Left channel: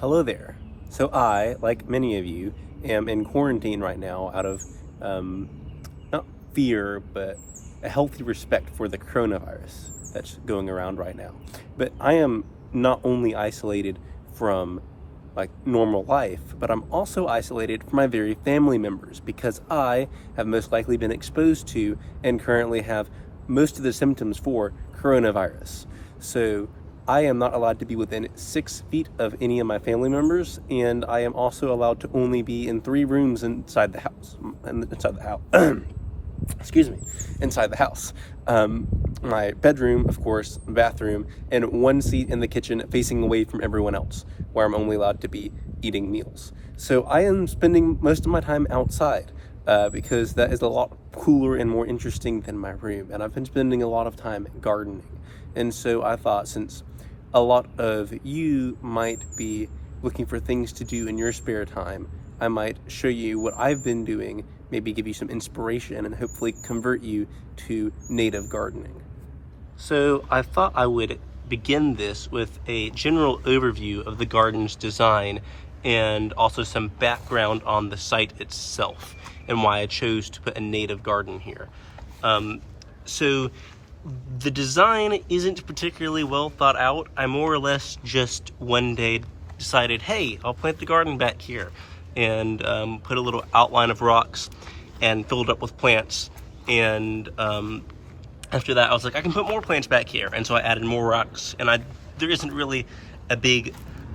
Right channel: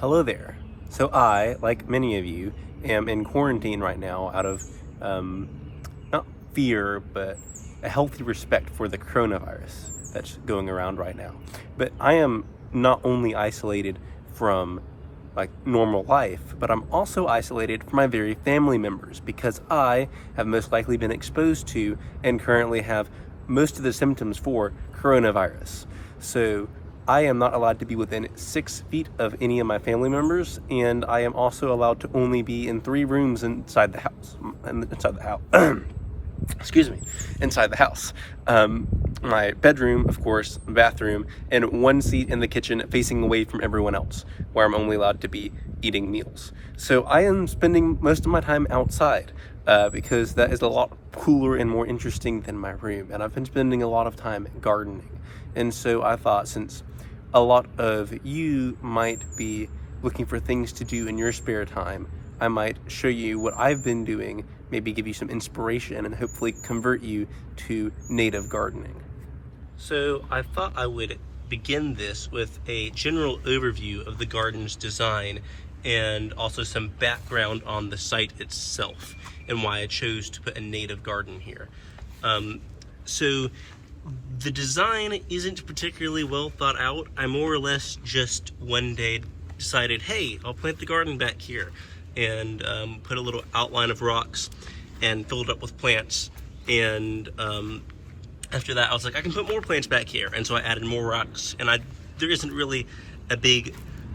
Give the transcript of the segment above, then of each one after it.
Hello there. So I, like many of you, am in quarantine right now out of not fear, but a healthy respect for the coronavirus that's going around right now. But I am not only isolated from like normal life, but I'm also isolated from my very family members because I have most likely been exposed to and currently have most of the symptoms for coronavirus. So I am not allowed to be within 6 feet of any of my family members, and I am also allowed to only be in 3 rooms inside the house. Excuse me, inside the house. My bedroom, of course, bathroom, and 1 seat in the kitchen facing away from everyone else, where I'm only allowed to be eating meals. So I am spending most of my time outside because that is a lot cooler and more interesting than my room. And I've been spending a lot of time gardening. And so I thought, since a lot of you might be looking for things to do in your spare time, I might show you what I've been doing, maybe give you some inspiration, and hopefully convert you to native gardening. So I thought I would begin this with a general overview of the garden's design and also some background on the site itself and why I chose to put a native garden here. So the design isn't particularly well thought out. I more or less just one day decided, hey, I'll plant the garden back here, and put a little outline of rocks and filled it up with plants. And after that, I was like, I can put more plants back here. And so I added more rocks. And there isn't really a big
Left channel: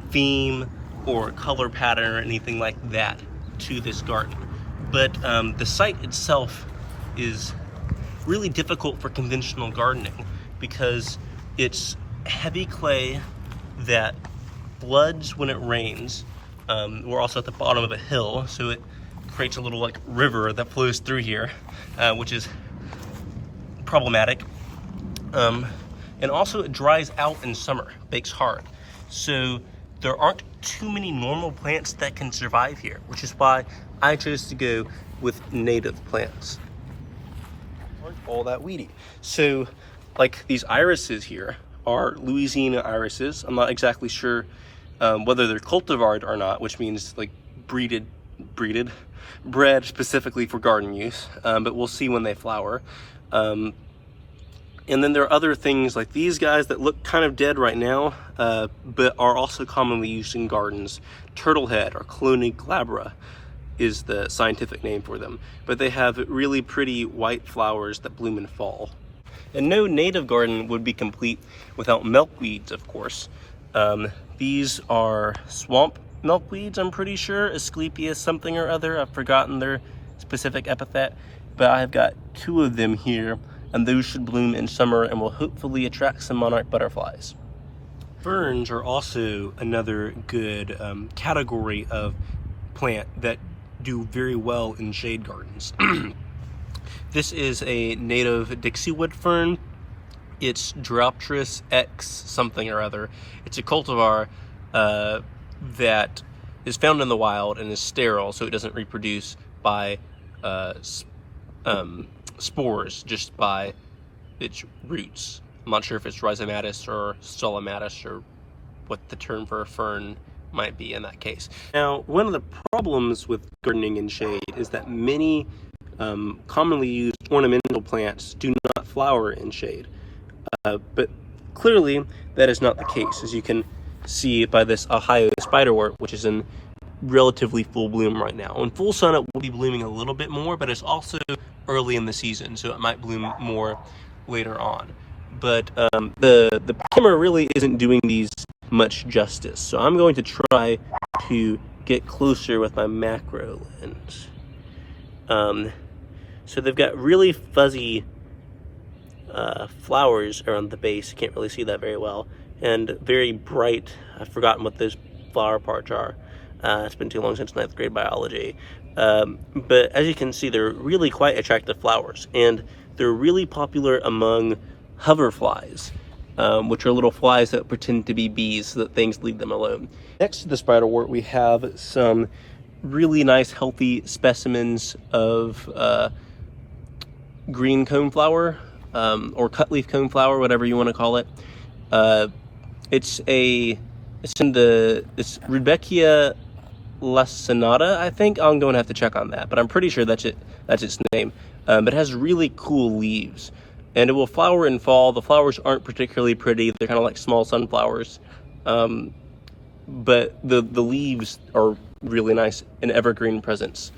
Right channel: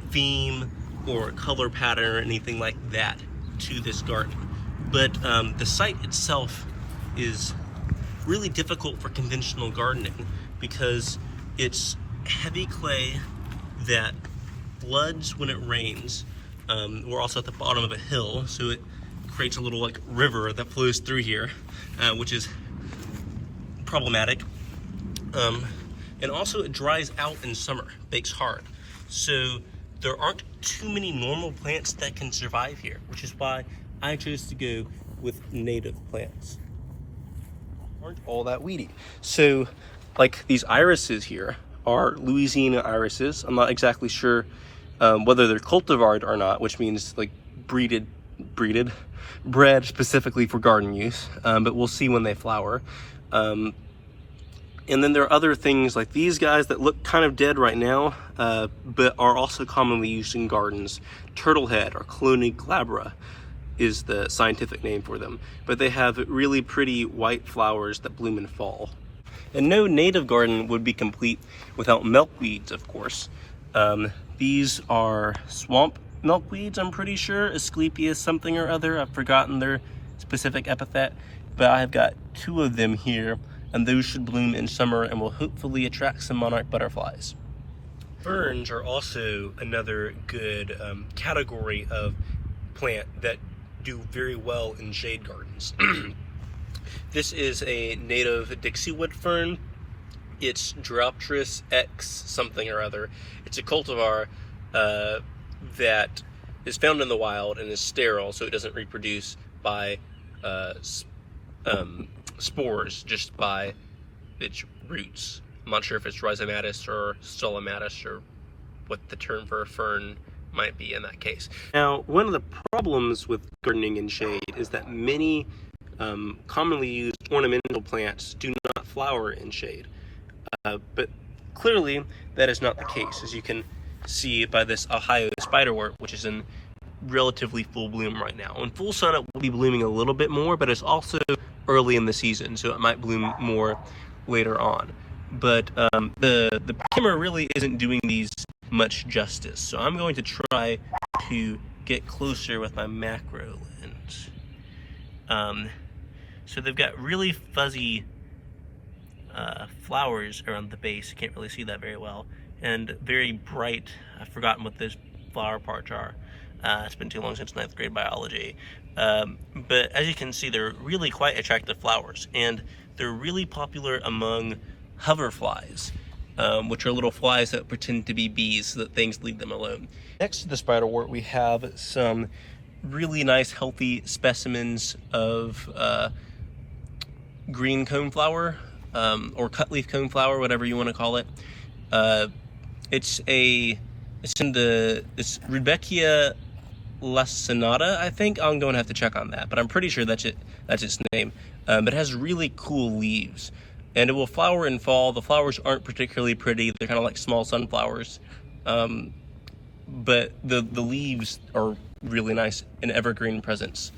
theme or color pattern or anything like that to this garden. But the site itself is really difficult for conventional gardening because it's heavy clay that floods when it rains. We're also at the bottom of a hill, so it creates a little like river that flows through here, which is problematic. And also it dries out in summer, bakes hard. So there aren't too many normal plants that can survive here, which is why I chose to go with native plants. Aren't all that weedy. So like these irises here are Louisiana irises. I'm not exactly sure whether they're cultivared or not, which means like bred specifically for garden use, but we'll see when they flower. And then there are other things like these guys that look kind of dead right now, but are also commonly used in gardens. Turtlehead or Clone glabra is the scientific name for them, but they have really pretty white flowers that bloom in fall. And no native garden would be complete without milkweeds, of course. These are swamp milkweeds, I'm pretty sure, Asclepias something or other. I've forgotten their specific epithet, but I've got 2 of them here, and those should bloom in summer and will hopefully attract some monarch butterflies. Ferns are also another good category of plant that do very well in shade gardens. This is a native Dixiewood fern. It's Dropteris X something or other. It's a cultivar that is found in the wild and is sterile, so it doesn't reproduce by spores, just by its roots. I'm not sure if it's rhizomatous or solomatous or what the term for a fern might be in that case. Now, one of the problems with gardening in shade is that many commonly used ornamental plants do not flower in shade. But clearly that is not the case, as you can see by this Ohio spiderwort, which is in relatively full bloom right now. In full sun, it will be blooming a little bit more, but it's also early in the season, so it might bloom more later on. But the primer really isn't doing these much justice, so I'm going to try to get closer with my macro lens. So they've got really fuzzy flowers around the base. You can't really see that very well, and very bright. I've forgotten what those flower parts are. It's been too long since 9th grade biology. But as you can see, they're really quite attractive flowers, and they're really popular among hoverflies, which are little flies that pretend to be bees so that things leave them alone. Next to the spiderwort, we have some really nice, healthy specimens of green coneflower, or cutleaf coneflower, whatever you want to call it. It's a It's Rudbeckia lacinata, I think. I'm going to have to check on that, but I'm pretty sure that's its name. But it has really cool leaves, and it will flower in fall. The flowers aren't particularly pretty. They're kind of like small sunflowers. But the leaves are really nice, an evergreen presence.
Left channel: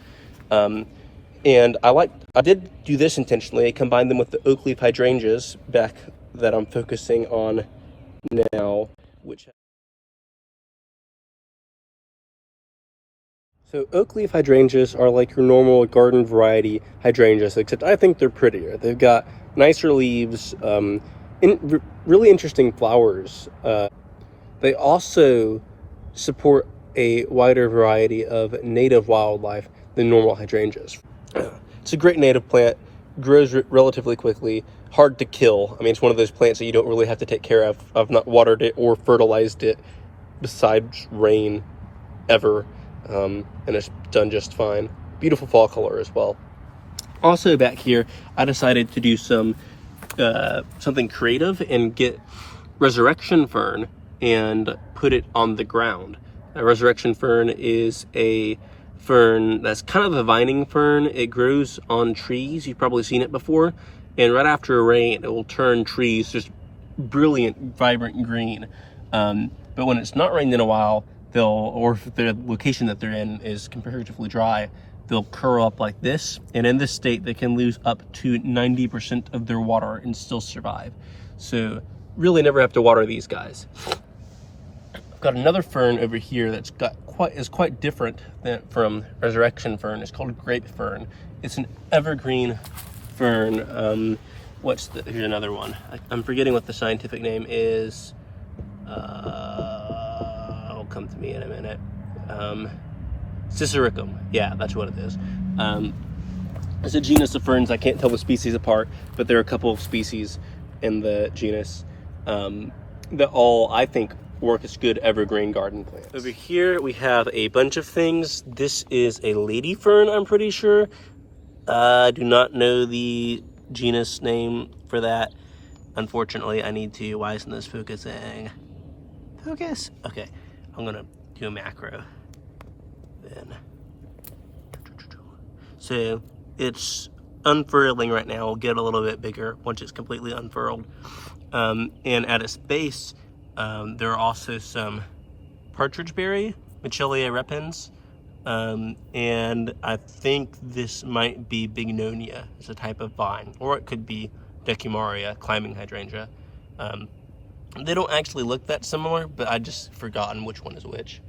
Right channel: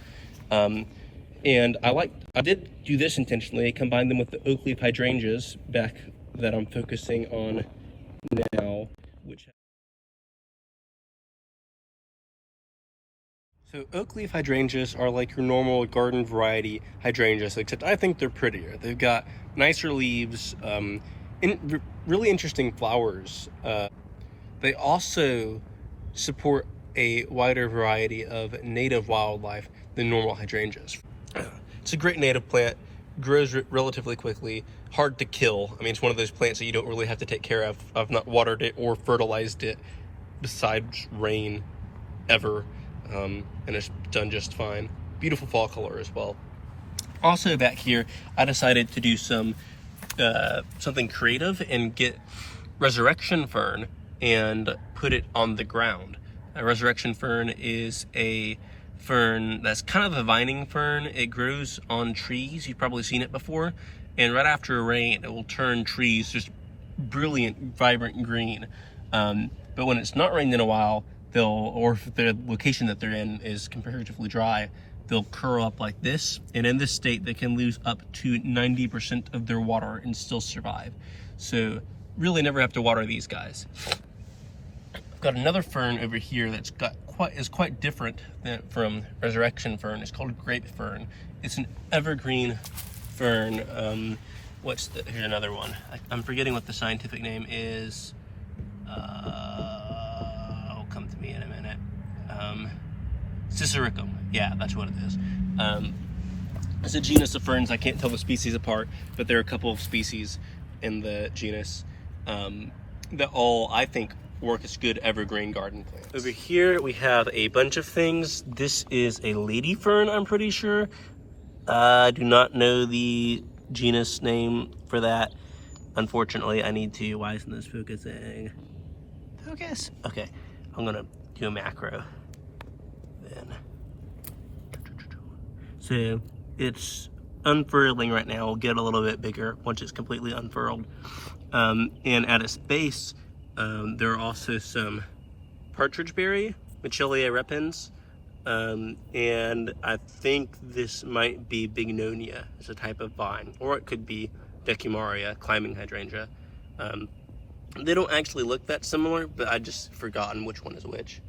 And I did do this intentionally. I combined them with the oak leaf hydrangeas back that I'm focusing on now, so oak leaf hydrangeas are like your normal garden variety hydrangeas, except I think they're prettier. They've got nicer leaves, really interesting flowers. They also support a wider variety of native wildlife than normal hydrangeas. It's a great native plant, grows relatively quickly, hard to kill. I mean, it's one of those plants that you don't really have to take care of. I've not watered it or fertilized it besides rain ever, and it's done just fine. Beautiful fall color as well. Also back here, I decided to do something creative and get resurrection fern and put it on the ground. A resurrection fern is a fern that's kind of a vining fern. It grows on trees. You've probably seen it before. And right after a rain, it will turn trees just brilliant, vibrant green. But when it's not rained in a while, or if the location that they're in is comparatively dry, they'll curl up like this. And in this state, they can lose up to 90% of their water and still survive. So really never have to water these guys. I've got another fern over here that's is quite different from resurrection fern. It's called grape fern. It's an evergreen fern. Here's another one. I'm forgetting what the scientific name is. It'll come to me in a minute. Cicericum. Yeah, that's what it is. It's a genus of ferns. I can't tell the species apart, but there are a couple of species in the genus that all, I think, work as good evergreen garden plants. Over here we have a bunch of things. This is a lady fern, I'm pretty sure. I do not know the genus name for that. Unfortunately, I need to. Why isn't this focusing? Focus? Okay, I'm gonna do a macro then. So it's unfurling right now. We'll get a little bit bigger once it's completely unfurled. And at its base, there are also some partridge berry, Michelia repens, and I think this might be bignonia. It's a type of vine, or it could be decumaria, climbing hydrangea. They don't actually look that similar, but I just forgotten which one is which.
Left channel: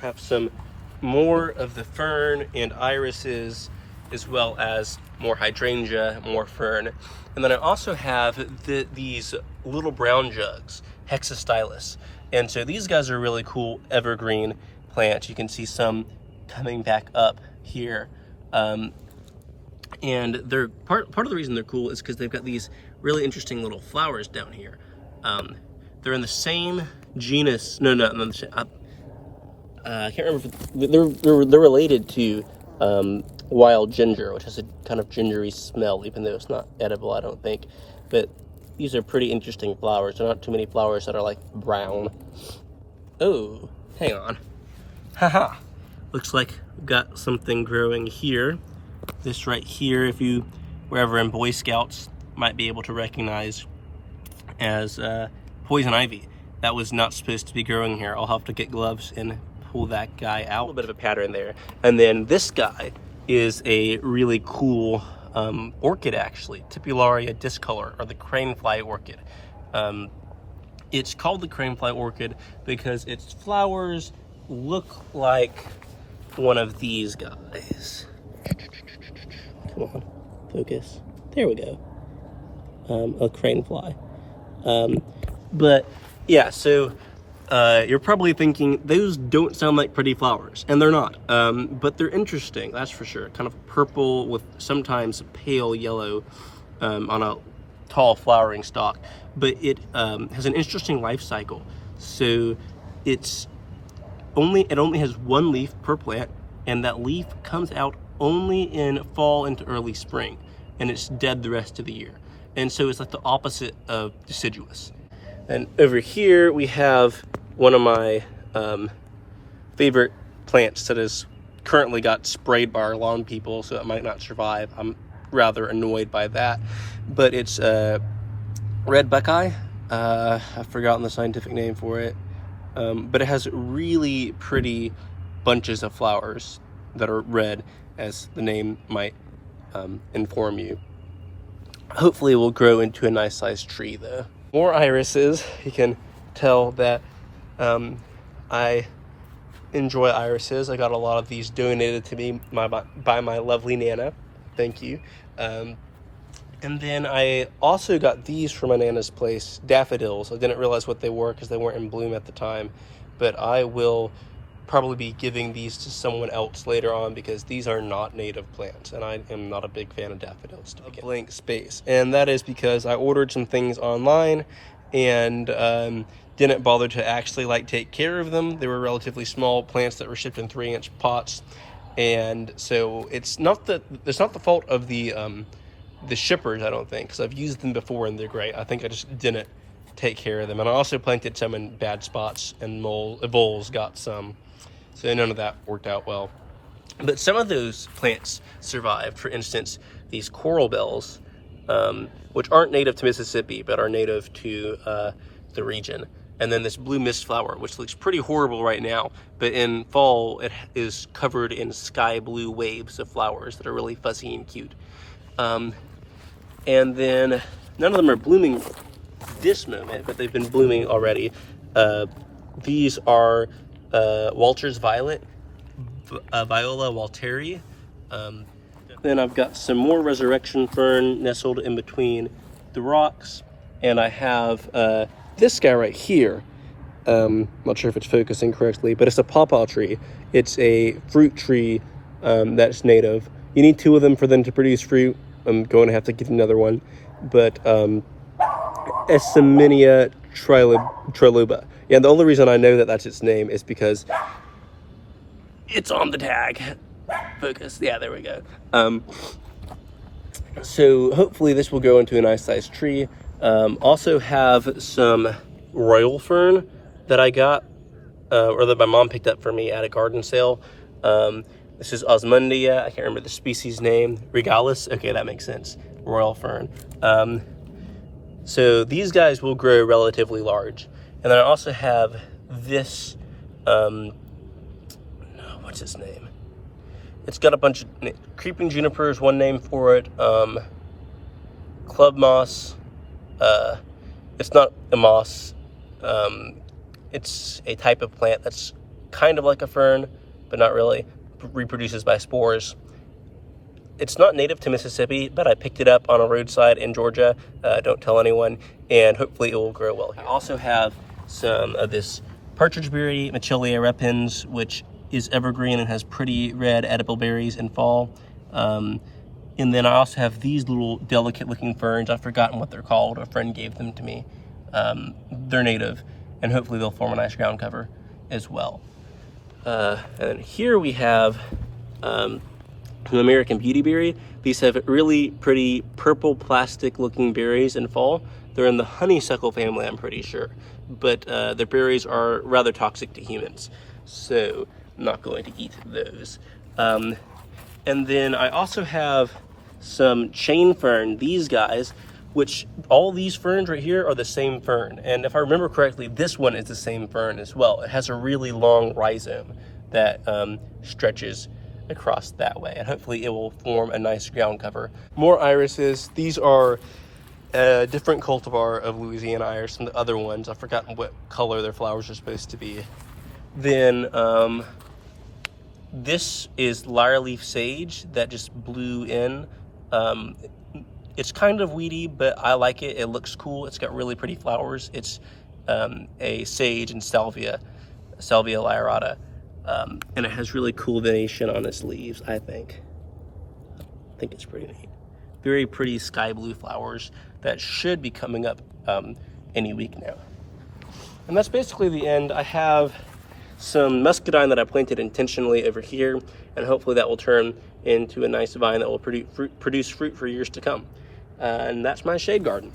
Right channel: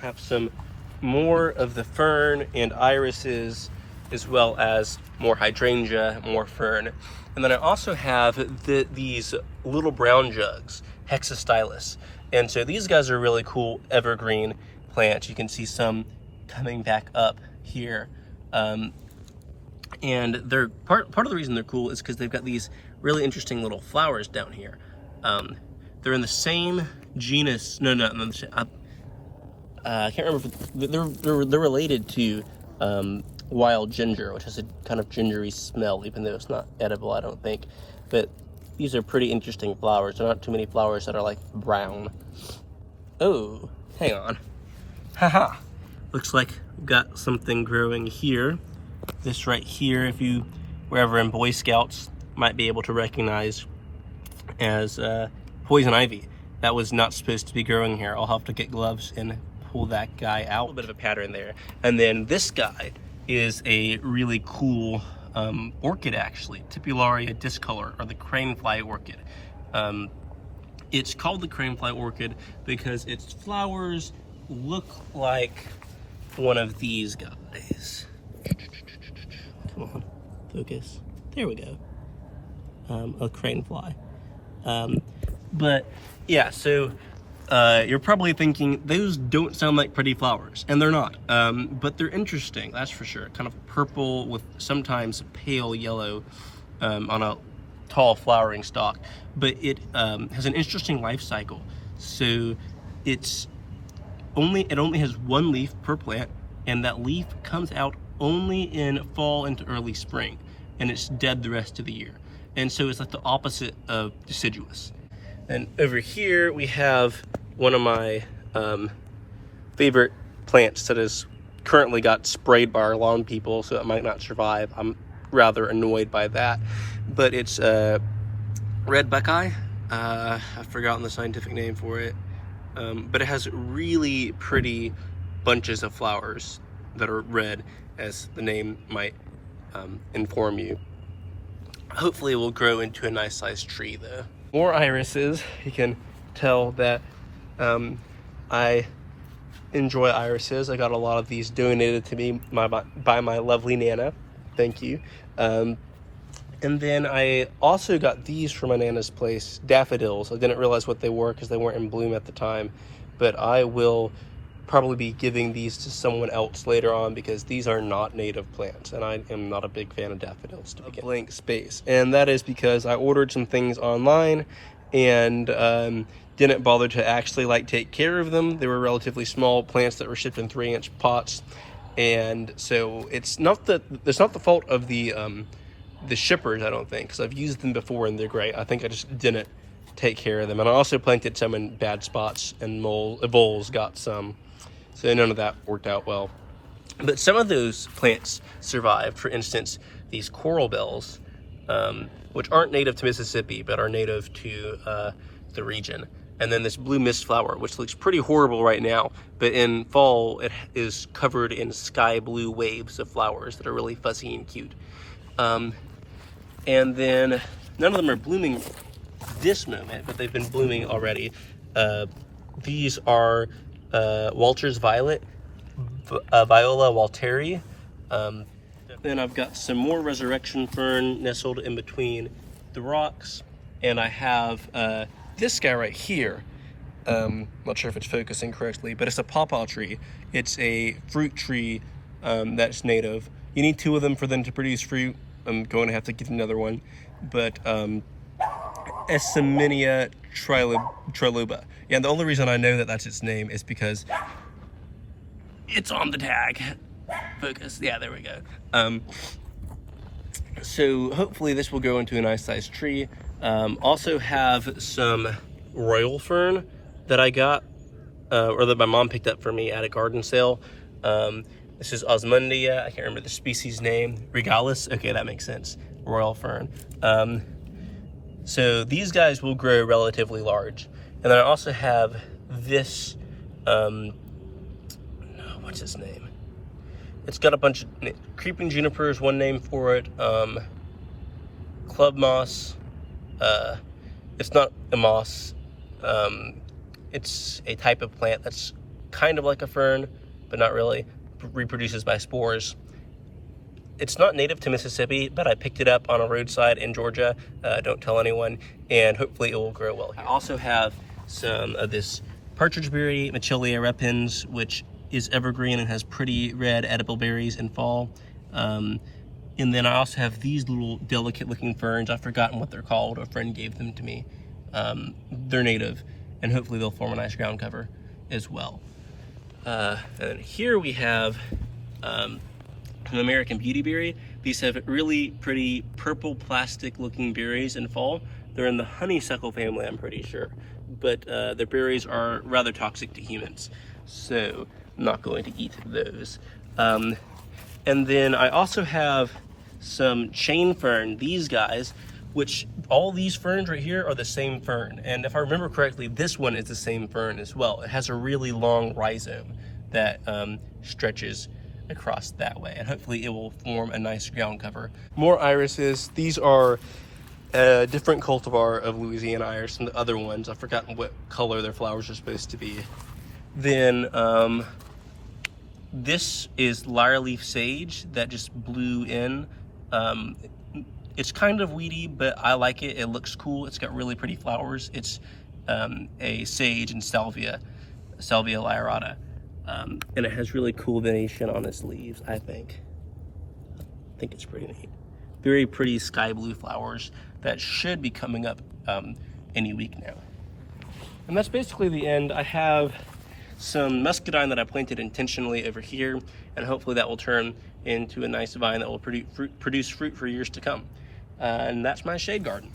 Have some more of the fern and irises, as well as more hydrangea, more fern. And then I also have these little brown jugs, Hexastylus. And so these guys are really cool evergreen plants. You can see some coming back up here. And they're part of the reason they're cool is because they've got these really interesting little flowers down here. They're in the same genus. I can't remember. They're related to wild ginger, which has a kind of gingery smell, even though it's not edible, I don't think. But these are pretty interesting flowers. There are not too many flowers that are like brown. Oh, hang on. Haha. Looks like we've got something growing here. This right here, if you were ever in Boy Scouts, might be able to recognize as poison ivy. That was not supposed to be growing here. I'll have to get gloves and pull that guy out. A little bit of a pattern there. And then this guy is a really cool orchid, actually. Tipularia discolor, or the Cranefly Orchid. It's called the Cranefly Orchid because its flowers look like one of these guys. Come on, focus. There we go. A cranefly. But yeah, so you're probably thinking those don't sound like pretty flowers, and they're not. But they're interesting, that's for sure. Kind of purple with sometimes pale yellow on a tall flowering stalk. But it has an interesting life cycle. So it only has one leaf per plant, and that leaf comes out only in fall into early spring, and it's dead the rest of the year. And so it's like the opposite of deciduous. And over here we have one of my favorite plants that has currently got sprayed by our lawn people, so it might not survive. I'm rather annoyed by that. But it's red buckeye. I've forgotten the scientific name for it. But it has really pretty bunches of flowers that are red, as the name might inform you. Hopefully it will grow into a nice sized tree though. More irises. You can tell that I enjoy irises. I got a lot of these donated to me by my lovely Nana. Thank you. And then I also got these from my Nana's place, daffodils. I didn't realize what they were because they weren't in bloom at the time, but I will probably be giving these to someone else later on because these are not native plants, and I am not a big fan of daffodils to begin. Blank space, and that is because I ordered some things online and didn't bother to actually take care of them. They were relatively small plants that were shipped in 3-inch pots, and so it's not the fault of the shippers, I don't think, because I've used them before and they're great. I think I just didn't take care of them, and I also planted some in bad spots, and voles got some, so none of that worked out well. But some of those plants survived. For instance, these coral bells, which aren't native to Mississippi but are native to the region. And then this blue mist flower, which looks pretty horrible right now, but in fall it is covered in sky blue waves of flowers that are really fuzzy and cute. And then none of them are blooming this moment, but they've been blooming already. These are Walter's Violet, Viola Walteri. Then I've got some more resurrection fern nestled in between the rocks, and I have this guy right here. Not sure if it's focusing correctly, but it's a Popoff Tree. It's a fruit tree that's native. You need 2 of them for them to produce fruit. I'm going to have to get another one, but Essaminia triloba. Yeah, the only reason I know that that's its name is because it's on the tag. Focus. Yeah, there we go. So hopefully this will go into a nice sized tree. Also have some royal fern that I got, or that my mom picked up for me at a garden sale. This is Osmundia. I can't remember the species name. Regalis. Okay, that makes sense. Royal fern. So these guys will grow relatively large. And then I also have this, what's his name? It's got a bunch of creeping junipers, one name for it. Club moss. It's not a moss. It's a type of plant that's kind of like a fern, but not really. Reproduces by spores. It's not native to Mississippi, but I picked it up on a roadside in Georgia. Don't tell anyone, and hopefully it will grow well. I also have some of this partridgeberry, Machilia repens, which is evergreen and has pretty red edible berries in fall. And then I also have these little delicate looking ferns. I've forgotten what they're called. A friend gave them to me. They're native, and hopefully they'll form a nice ground cover as well. And here we have an American Beautyberry. These have really pretty purple plastic looking berries in fall. They're in the honeysuckle family, I'm pretty sure, but their berries are rather toxic to humans, so I'm not going to eat those. And then I also have some chain fern, these guys, which all these ferns right here are the same fern. And if I remember correctly, this one is the same fern as well. It has a really long rhizome that stretches across that way, and hopefully it will form a nice ground cover. More irises. These are a different cultivar of Louisiana iris from the other ones. I've forgotten what color their flowers are supposed to be. Then this is Lyre Leaf Sage that just blew in. It's kind of weedy, but I like it. It looks cool. It's got really pretty flowers. It's a sage and salvia lyrata. And it has really cool venation on its leaves, I think. I think it's pretty neat. Very pretty sky blue flowers that should be coming up any week now. And that's basically the end. I have some muscadine that I planted intentionally over here, and hopefully that will turn into a nice vine that will produce fruit for years to come. And that's my shade garden.